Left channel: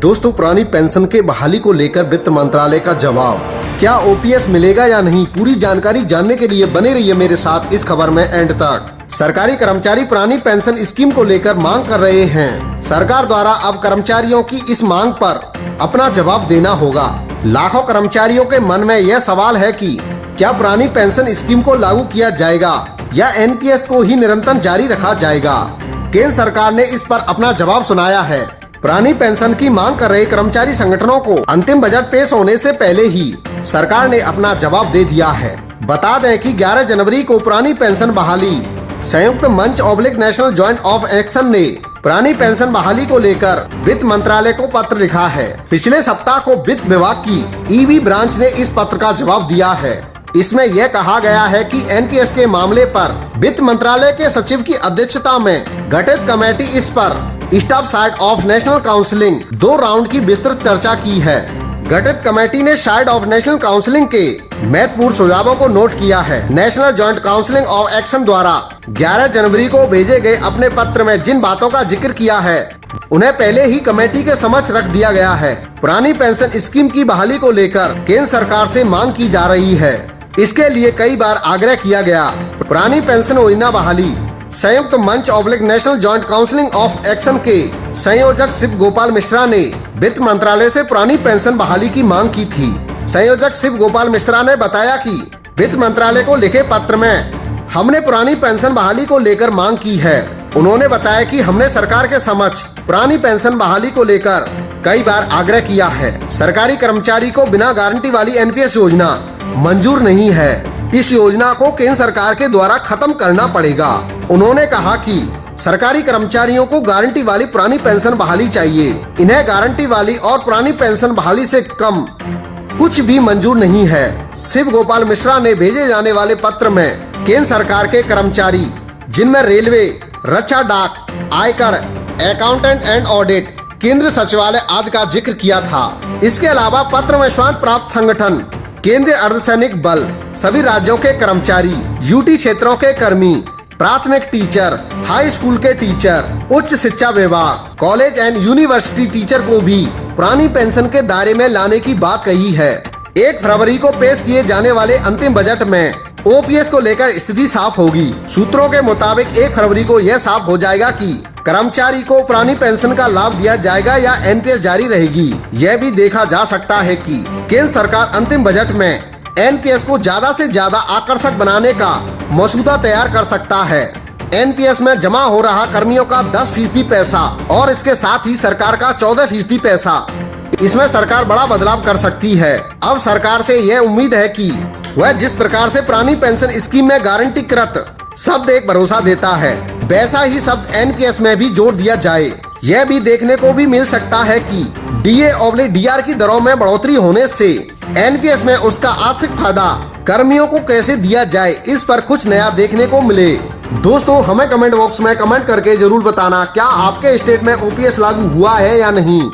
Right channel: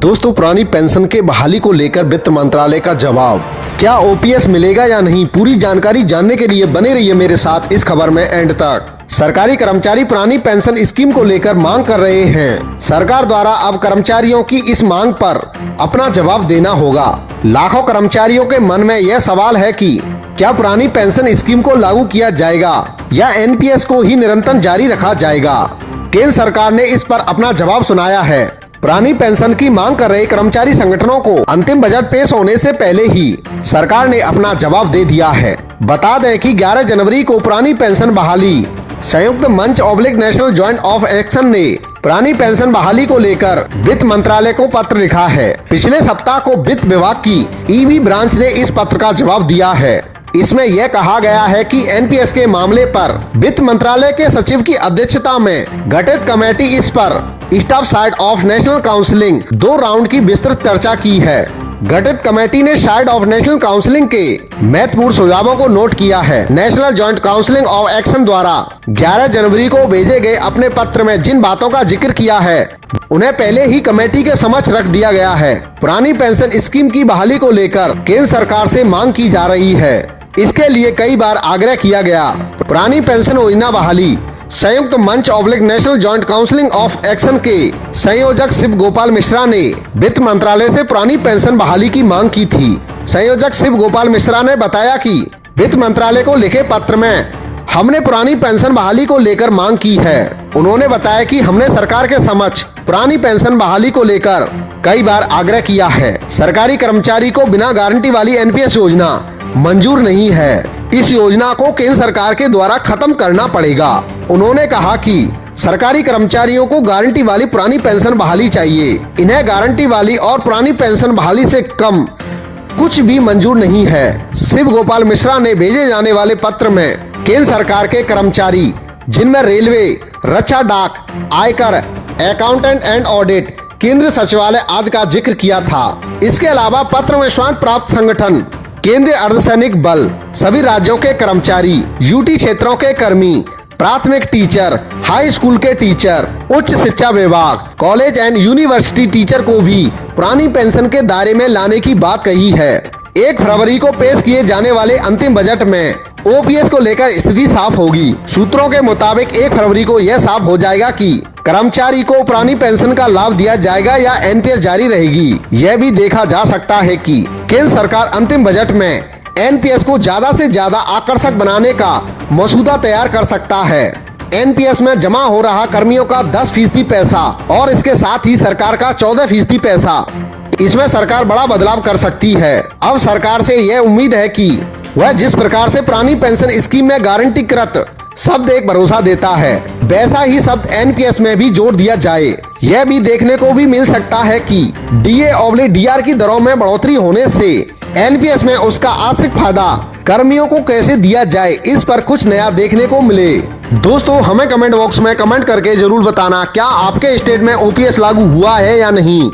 दोस्तों, पुरानी पेंशन के बहाली को लेकर वित्त मंत्रालय का जवाब। क्या ओपीएस मिलेगा या नहीं, पूरी जानकारी जानने के लिए बने रहिए मेरे साथ इस खबर में एंड तक। सरकारी कर्मचारी पुरानी पेंशन स्कीम को लेकर मांग कर रहे हैं। सरकार द्वारा अब कर्मचारियों की इस मांग पर अपना जवाब देना होगा। लाखों कर्मचारियों के मन में यह सवाल है कि क्या पुरानी पेंशन स्कीम को लागू किया जाएगा या एनपीएस को ही निरंतर जारी रखा जाएगा। केंद्र सरकार ने इस पर अपना जवाब सुनाया है। पुरानी पेंशन की मांग कर रहे कर्मचारी संगठनों को अंतिम बजट पेश होने से पहले ही सरकार ने अपना जवाब दे दिया है। बता दें कि 11 जनवरी को पुरानी पेंशन बहाली संयुक्त मंच oblique national joint of action ने पुरानी पेंशन बहाली को लेकर वित्त मंत्रालय को पत्र लिखा है। पिछले सप्ताह को वित्त विभाग की ईबी ब्रांच ने इस पत्र का जवाब दिया है। इसमें यह कहा गया है कि एनपीएस के मामले पर वित्त मंत्रालय के सचिव की अध्यक्षता में गठित कमेटी इस पर staff side of national counselling 2 round की विस्तृत चर्चा की है। गठित कमेटी ने साइड ऑफ नेशनल काउंसलिंग के महत्वपूर्ण सुझावों को नोट किया है। National joint counselling of action द्वारा 11 जनवरी को भेजे गए अपने पत्र में जिन बातों का जिक्र किया है उन्हें पहले ही कमेटी के समक्ष रख दिया गया है। पुरानी पेंशन स्कीम की बहाली को लेकर केंद्र सरकार से मांग की जा रही है। इसके लिए कई बार आग्रह किया गया। पुरानी पेंशन योजना बहाली संयुक्त मंच oblique national joint counselling of action के संयोजक शिव गोपाल मिश्रा ने वित्त मंत्रालय से पुरानी पेंशन बहाली की मांग की थी। संयोजक शिव गोपाल मिश्रा ने बताया कि वित्त मंत्रालय को लिखे पत्र में हमने पुरानी पेंशन बहाली को लेकर मांग की है। उन्होंने बताया कि हमने सरकार के समक्ष पुरानी पेंशन बहाली को लेकर कई बार आग्रह किया है। सरकारी कर्मचारी को बिना गारंटी वाली एनपीएस योजना मंजूर नहीं है। इस योजना को केंद्र सरकार के द्वारा खत्म करना पड़ेगा। उन्होंने कहा कि सरकारी कर्मचारियों को गारंटी वाली पुरानी पेंशन बहाली चाहिए। इन्हें गारंटी वाली और पुरानी पेंशन बहाली से कम कुछ भी मंजूर नहीं है। शिव गोपाल मिश्रा ने भेजे जाने वाले पत्र में केंद्र सरकार के कर्मचारी जिनमें रेलवे, रक्षा, डाक, आयकर, अकाउंटेंट एंड ऑडिट, केंद्रीय सचिवालय आदि का जिक्र किया था। इसके अलावा पत्र में स्वांत प्राप्त संगठन, केंद्रीय अर्धसैनिक बल, सभी राज्यों के कर्मचारी, यूटी क्षेत्रों के कर्मी, प्राथमिक टीचर, हाई स्कूल के टीचर, उच्च शिक्षा विभाग, कॉलेज एंड यूनिवर्सिटी टीचर को भी पुरानी पेंशन के दायरे में लाने की बात कही है। 1 फरवरी को पेश किए जाने वाले अंतिम बजट में ओपीएस को लेकर स्थिति साफ होगी। सूत्रों के मुताबिक 1 फरवरी को यह साफ हो जाएगा कि कर्मचारी को पुरानी पेंशन का लाभ दिया जाएगा या एनपीएस जारी रहेगी। यह भी देखा जा सकता है कि केंद्र सरकार अंतिम बजट में एनपीएस को ज्यादा से ज्यादा आकर्षक बनाने का मसूदा तैयार कर सकता है। एनपीएस में जमा हो रहा कर्मियों का 10% पैसा और इसके साथ ही सरकार का 14% पैसा, इसमें सरकार बड़ा बदलाव कर सकती है। अब सरकार से यह उम्मीद है कि वह जिस प्रकार से पुरानी पेंशन स्कीम में गारंटीकृत शब्द एक भरोसा देता है, वैसा ही शब्द एनपीएस में भी जोड़ दिया जाए। यह भी देखने को भी मिल सकता है कि डीए/डीआर की दरों में बढ़ोतरी होने से एनपीएस में उसका आंशिक फायदा कर्मियों को कैसे दिया जाए, इस पर कुछ नया देखने को मिले। दोस्तों, हमें कमेंट बॉक्स में कमेंट करके जरूर बताना क्या आपके स्टेट में ओपीएस लागू हुआ है या नहीं।